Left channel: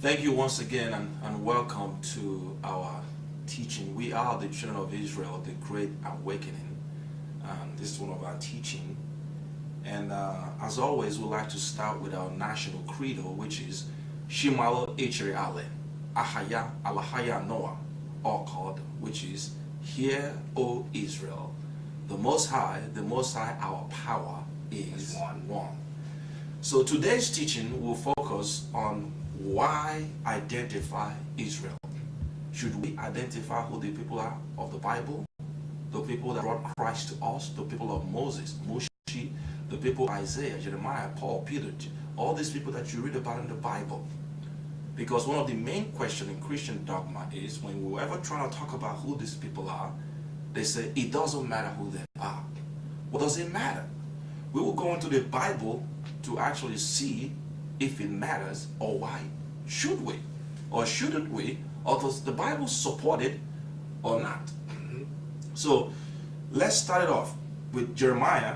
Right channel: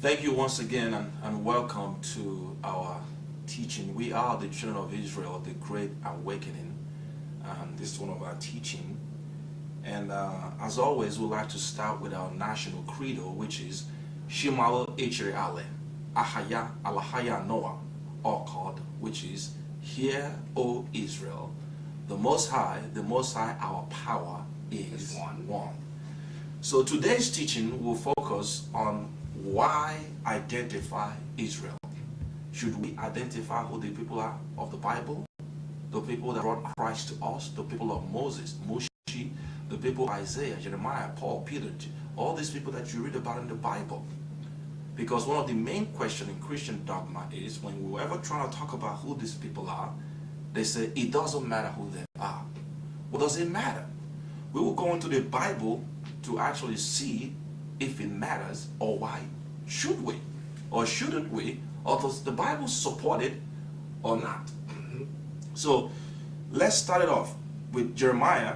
Thank you once again, and welcome to our teaching. We are the children of Israel, the Great Awakening. This is one of our teaching. And as always, we'd like to start with our national credo, which is Shimalo Echere Ale, Ahaya Alahaya Noah, or called, which is Hear, O Israel, the Most High, our power is one. So today's teaching will focus on why identify Israel. Should we identify who the people are of the Bible? The people that brought Christ to us, the people of Moses, Mushi, the people of Isaiah, Jeremiah, Paul, Peter, all these people that you read about in the Bible. Because one of the main questions in Christian dogma is when we ever try to talk about who these people are, they say it doesn't matter who they are. What does it matter? We will go into the Bible to actually see if it matters, or why should we or shouldn't we, or does the Bible support it or not? So let's start it off with Jeremiah.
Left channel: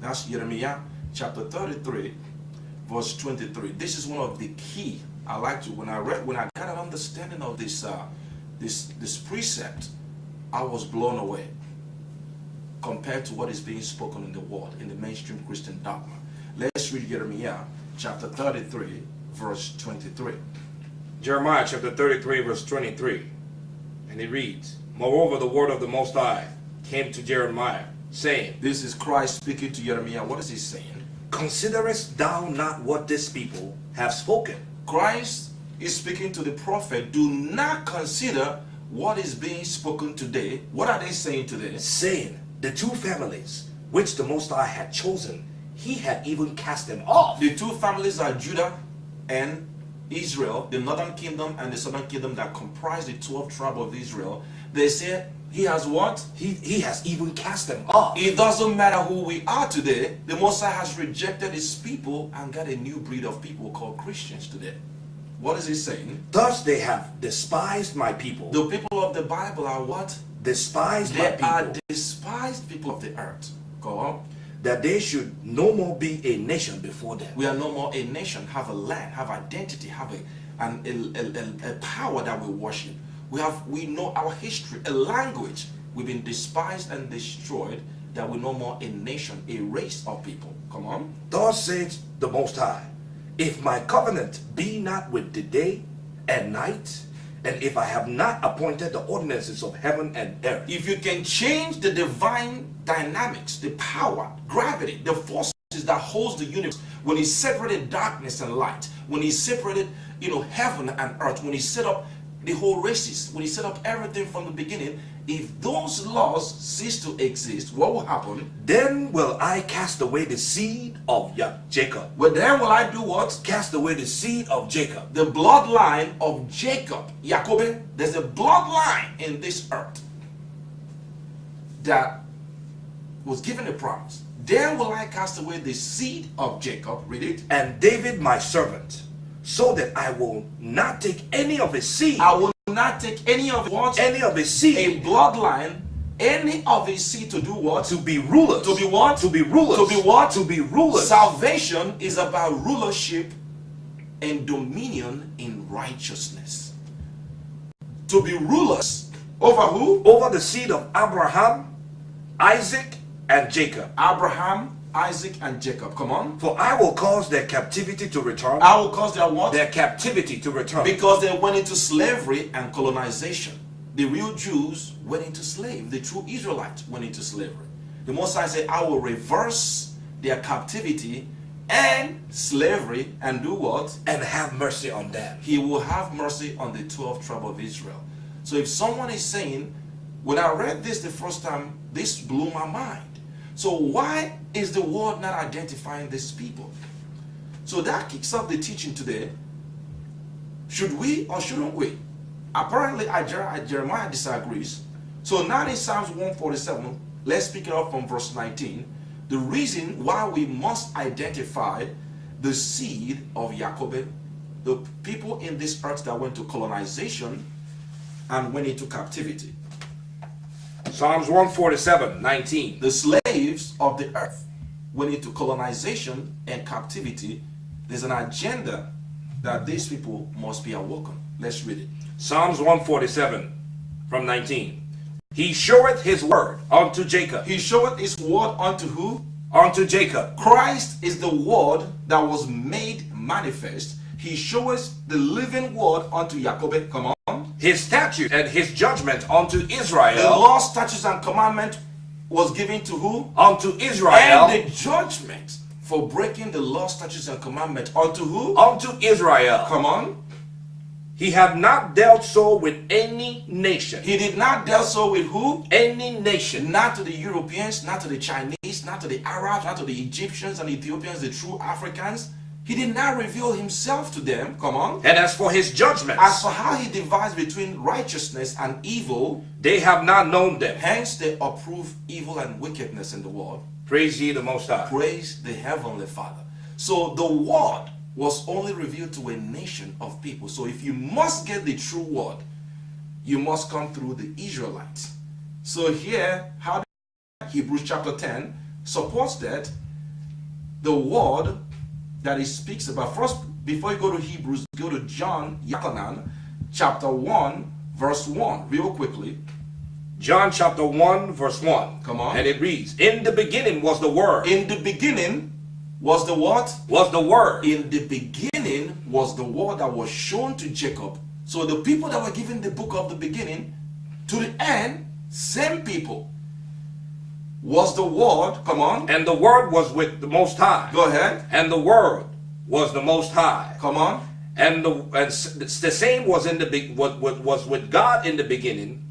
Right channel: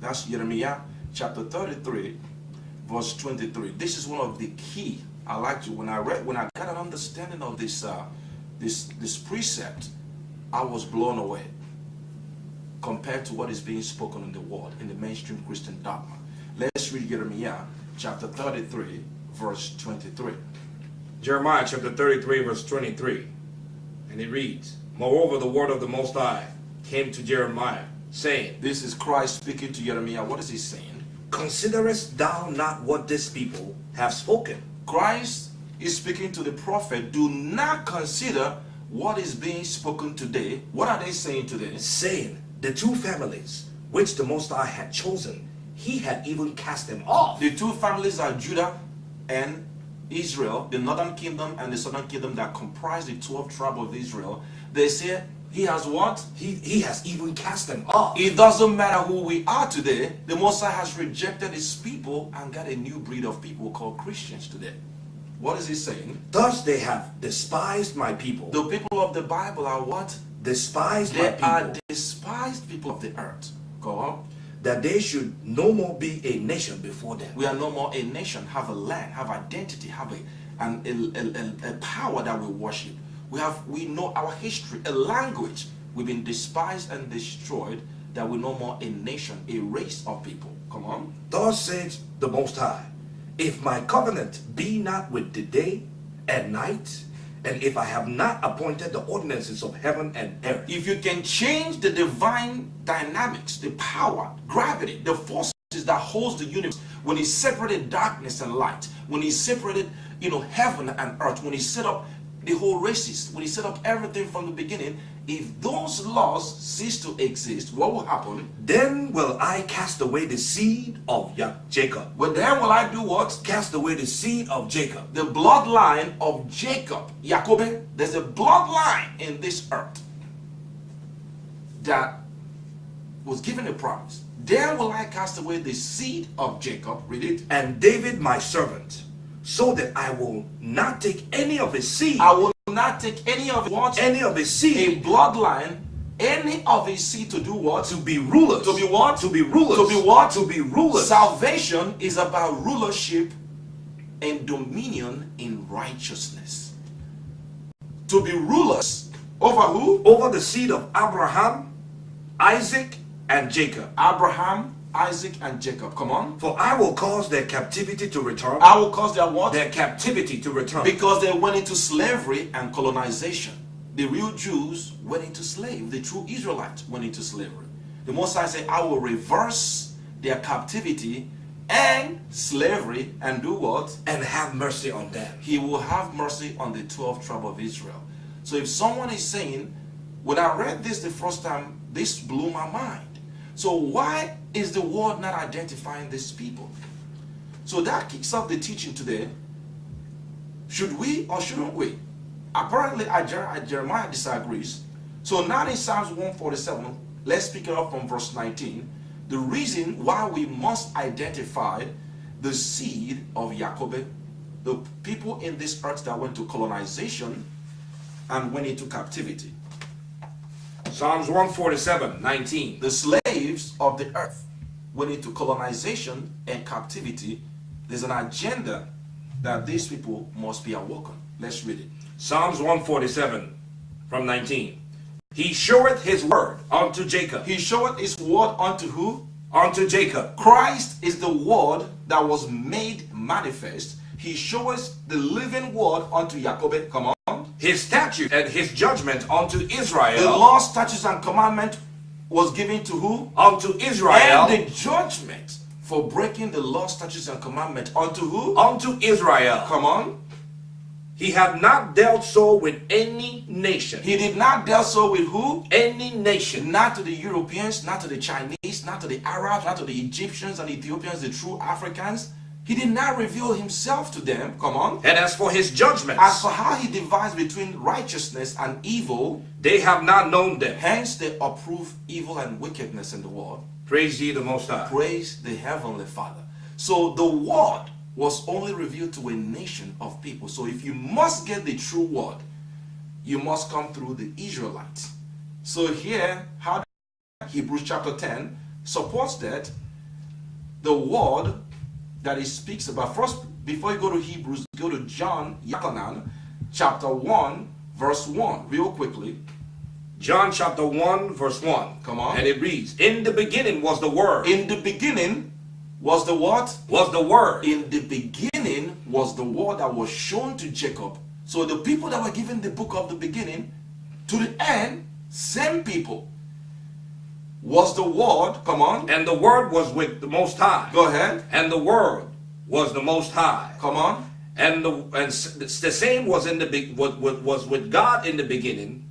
That's Jeremiah chapter 33 verse 23. This is one of the key. I like to, when I got an understanding of this this precept, I was blown away compared to what is being spoken in the world, in the mainstream Christian dogma. Let's read Jeremiah chapter 33 verse 23. Jeremiah chapter 33 verse 23, and it reads, Moreover, the word of the Most High came to Jeremiah, saying, This is Christ speaking to Jeremiah. What is he saying? Considerest thou not what this people have spoken? Christ is speaking to the prophet. Do not consider what is being spoken today. What are they saying today? Saying, the two families which the Most High had chosen, he had even cast them off. The two families are Judah and Israel, the northern kingdom and the southern kingdom that comprise the 12 tribes of Israel. They say He has what? He has even cast them off. It doesn't matter who we are today. The Most High has rejected his people and got a new breed of people called Christians today. What is he saying? Thus they have despised my people. The people of the Bible are what? Despised my They people. are despised people of the earth. Go on. That they should no more be a nation before them. We are no more a nation, have a land, have identity, have a power that we worship. We know our history, a language. We've been despised and destroyed, that we're no more a nation, a race of people. Come on. Thus says the Most High, if my covenant be not with the day and night, and if I have not appointed the ordinances of heaven and earth. If you can change the divine dynamics, the power, gravity, the forces that holds the universe, when he separated darkness and light, when he separated, heaven and earth, when he set up the whole races, when he set up everything from the beginning, if those laws cease to exist, what will happen? Then will I cast away the seed of Jacob. Well, then will I do what? Cast away the seed of Jacob. The bloodline of Jacob, Jacob. There's a bloodline in this earth that was given a promise. Then will I cast away the seed of Jacob. Read it. And David my servant, so that I will not take any of his seed. I will not take any of what? Any of his seed. A bloodline, any of his seed to do what? To be rulers. To be what? To be rulers. To be what? To be rulers. Salvation is about rulership and dominion in righteousness. To be rulers over who? Over the seed of Abraham, Isaac, and Jacob. Abraham, Isaac, and Jacob. Come on. For I will cause their captivity to return. I will cause their what? Their captivity to return. Because they went into slavery and colonization. The real Jews went into slavery. The true Israelites went into slavery. The Most High said, I will reverse their captivity and slavery and do what? And have mercy on them. He will have mercy on the 12th tribe of Israel. So if someone is saying, when I read this the first time, this blew my mind. So why is the world not identifying these people? So that kicks off the teaching today. Should we or shouldn't we? Apparently Jeremiah disagrees. So now in Psalms 147, let's pick it up from verse 19. The reason why we must identify the seed of Jacob, the people in this earth that went to colonization and went into captivity. Psalms 147, 19. The slaves of the earth went into colonization and captivity. There's an agenda that these people must be awoken. Let's read it. Psalms 147 from 19. He showeth his word unto Jacob. He showeth his word unto who? Unto Jacob. Christ is the word that was made manifest. He showeth the living word unto Jacob. Come on. His statute and his judgment unto Israel. The law, statutes, and commandment was given to who? Unto Israel. And the judgment for breaking the law, statutes, and commandment unto who? Unto Israel. Come on. He had not dealt so with any nation. He did not deal so with who? Any nation. Not to the Europeans, not to the Chinese, not to the Arabs, not to the Egyptians and Ethiopians, the true Africans. He did not reveal himself to them. Come on. And as for his judgments, as for how he divides between righteousness and evil, they have not known them. Hence they approve evil and wickedness in the world. Praise ye the Most High. Praise the Heavenly Father. So the word was only revealed to a nation of people. So if you must get the true word, you must come through the Israelites. So here, how Hebrews chapter 10 supports that the word that he speaks about. First, before you go to Hebrews, go to John Yachanan chapter 1 verse 1 real quickly. John chapter 1 verse 1. Come on. And it reads, in the beginning was the Word. In the beginning was the what? Was the Word. In the beginning was the word that was shown to Jacob. So the people that were given the book of the beginning to the end, same people. Was the word, come on. And the Word was with the Most High. Go ahead. And the Word was the Most High. Come on. And the same was in the was with God in the beginning,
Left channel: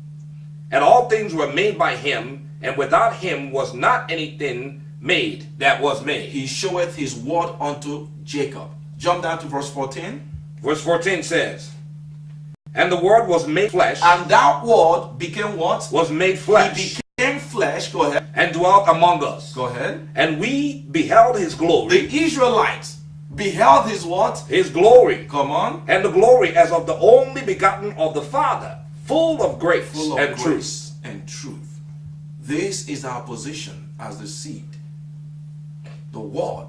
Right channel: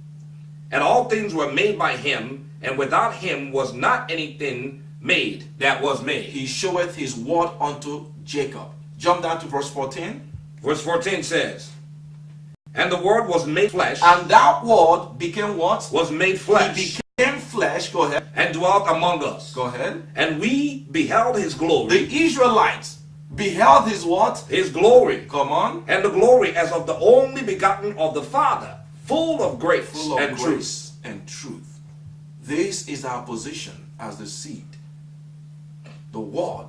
and all things were made by him, and without him was not anything made that was made. He showeth his word unto Jacob. Jump down to verse 14. Verse 14 says, And the Word was made flesh. And that word became what? Was made flesh. He became flesh. Go ahead. And dwelt among us. Go ahead. And we beheld his glory. The Israelites beheld his what? His glory. Come on. And the glory as of the only begotten of the Father, full of grace and truth. This is our position as the seed. The word.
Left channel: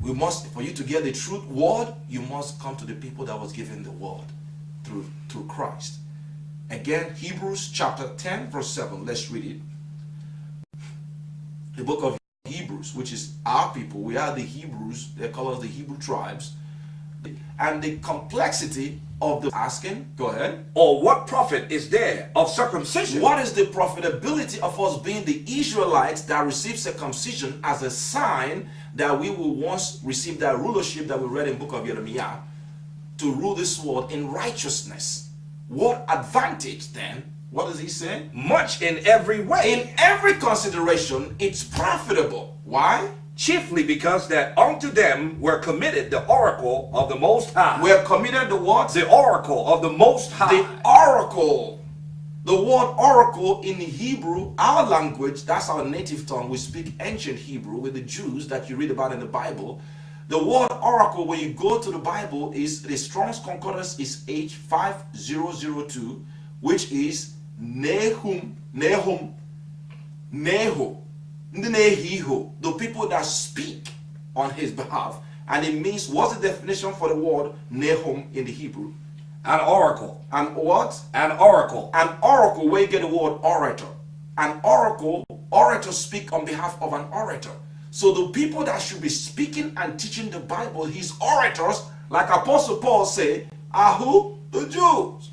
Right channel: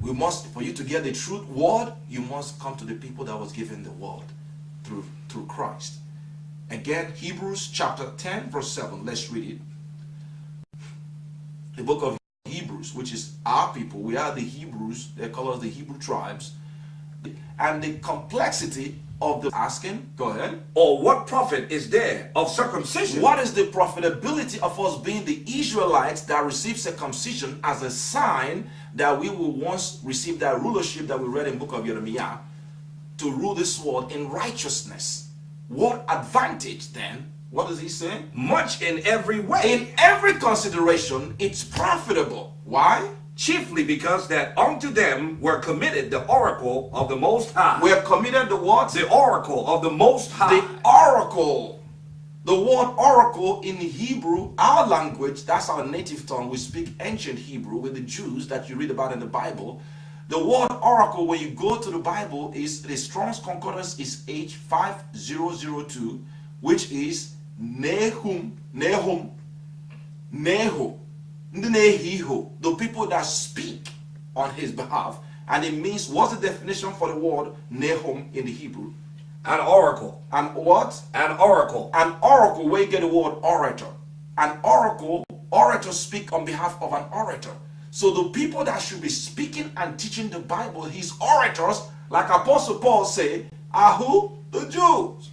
We must, for you to get the truth word, you must come to the people that was given the word through Christ. Again, Hebrews chapter 10 verse 7. Let's read it. The book of Hebrews, which is our people. We are the Hebrews. They call us the Hebrew tribes. And the complexity of the asking, go ahead. Or what profit is there of circumcision? What is the profitability of us being the Israelites that receive circumcision as a sign that we will once receive that rulership that we read in book of Jeremiah to rule this world in righteousness? What advantage then? What does he say? Much in every way. In every consideration, it's profitable. Why? Chiefly because that unto them were committed the oracle of the Most High. We're committed the what? The oracle of the Most High. The oracle. The word oracle in Hebrew, our language, that's our native tongue. We speak ancient Hebrew with the Jews that you read about in the Bible. The word oracle, when you go to the Bible, is the Strong's Concordance is H5002, which is Nehum, Neho, the people that speak on his behalf. And it means, what's the definition for the word Nehum in the Hebrew? An oracle. And what? An oracle. An oracle, where you get the word orator. An oracle, orators speak on behalf of an orator. So the people that should be speaking and teaching the Bible, his orators, like Apostle Paul say, are who? The Jews.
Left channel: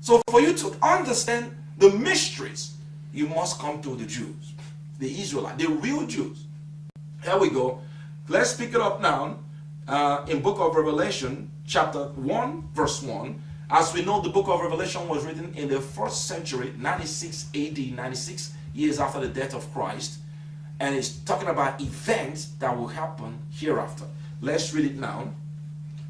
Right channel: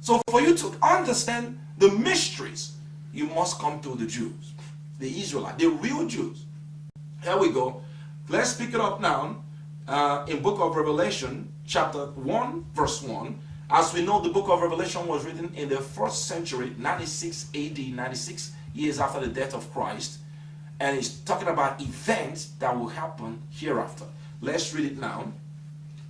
So for you to understand the mysteries, you must come to the Jews. The Israelites, the real Jews. Here we go. Let's pick it up now in book of Revelation, chapter 1, verse 1. As we know, the book of Revelation was written in the 1st century, 96 AD, 96 years after the death of Christ. And it's talking about events that will happen hereafter. Let's read it now.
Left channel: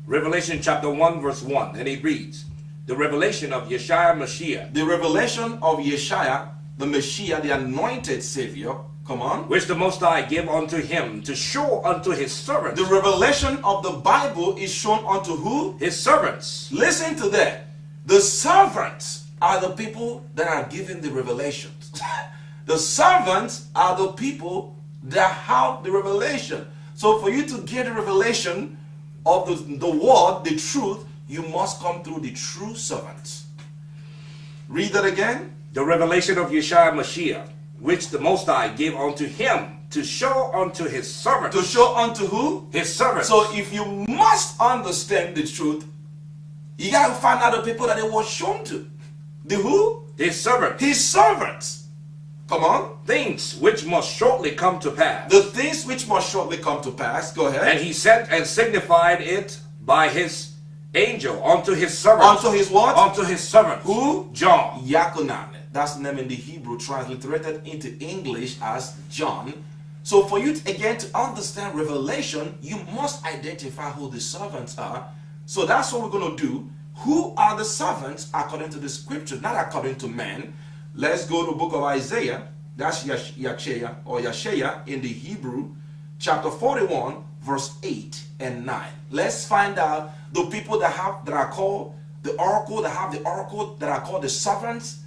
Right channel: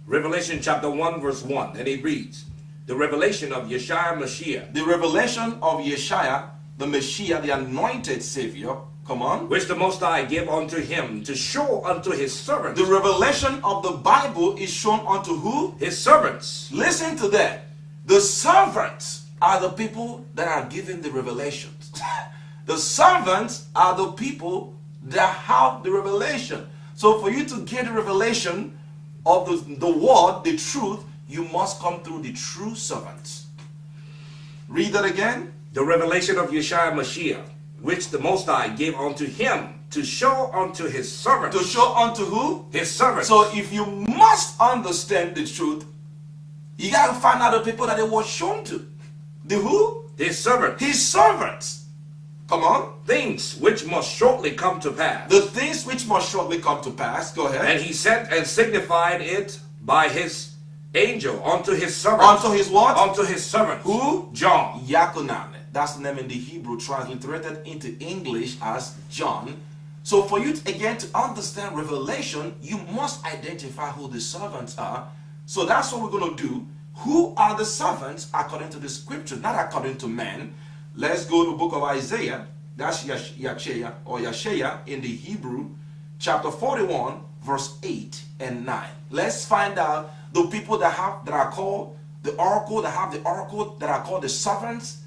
Revelation chapter 1, verse 1. And it reads, the revelation of Yeshua Mashiach. The revelation of Yeshua, the Messiah, the anointed Savior. Come on. Which the Most High give unto him to show unto his servants. The revelation of the Bible is shown unto who? His servants. Listen to that. The servants are the people that are given the revelations. The servants are the people that have the revelation. So for you to get the revelation of the word, the truth, you must come through the true servants. Read that again. The revelation of Yeshua Mashiach, which the Most High gave unto him to show unto his servants. To show unto who? His servants. So if you must understand the truth, you got to find out the people that it was shown to. The who? His servants. His servants. Come on. Things which must shortly come to pass. The things which must shortly come to pass. Go ahead. And he sent and signified it by his angel unto his servants. Unto his what? Unto his servant. Who? John. Yakunan. That's the name in the Hebrew, transliterated into English as John. So for you to, again, to understand revelation, you must identify who the servants are. So that's what we're going to do. Who are the servants according to the scripture, not according to man? Let's go to the book of Isaiah. That's Yashaya or Yashaya in the Hebrew, chapter 41, verse 8 and 9. Let's find out the people that are called the oracle, that have the oracle, that are called the servants,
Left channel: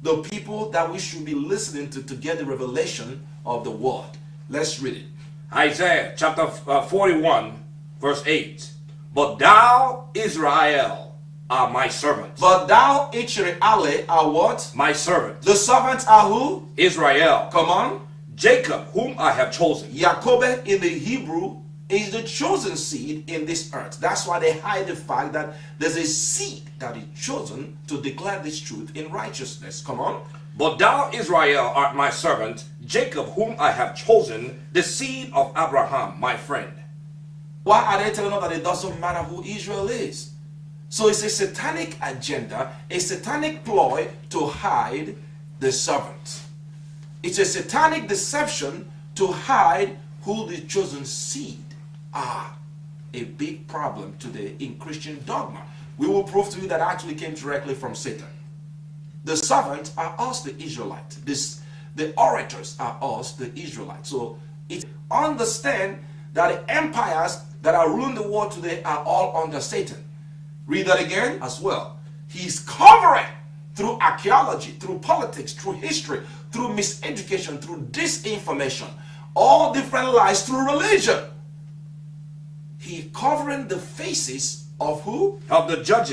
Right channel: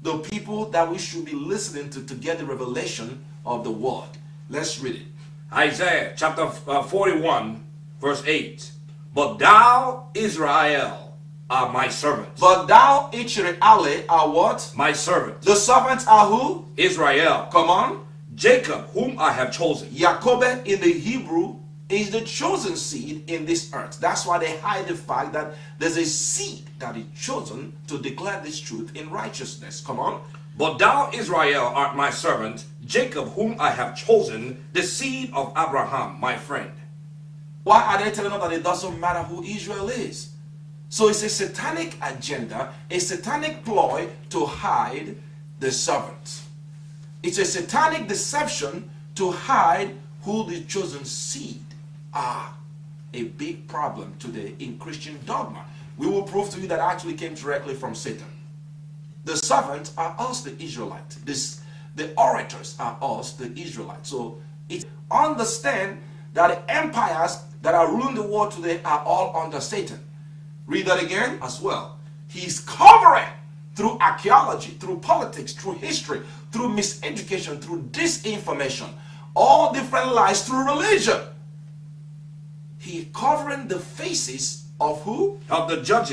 the people that we should be listening to get the revelation of the word. Let's read it. Isaiah chapter 41, verse 8. But thou, Israel, are my servant. But thou, Israel, are what? My servant. The servants are who? Israel. Come on. Jacob, whom I have chosen. Jacob in the Hebrew is the chosen seed in this earth. That's why they hide the fact that there's a seed that is chosen to declare this truth in righteousness. Come on. But thou, Israel, art my servant, Jacob, whom I have chosen, the seed of Abraham, my friend. Why are they telling us that it doesn't matter who Israel is? So it's a satanic agenda, a satanic ploy to hide the servants. It's a satanic deception to hide who the chosen seed are. A big problem today in Christian dogma. we will prove to you that actually came directly from Satan. The servants are us, the Israelites. The orators are us, the Israelites. So understand that the empires that are ruling the world today are all under Satan. Read that again as well. He's covering through archaeology, through politics, through history, through miseducation, through disinformation, all different lies, through religion. He covering the faces of who? Of the judges.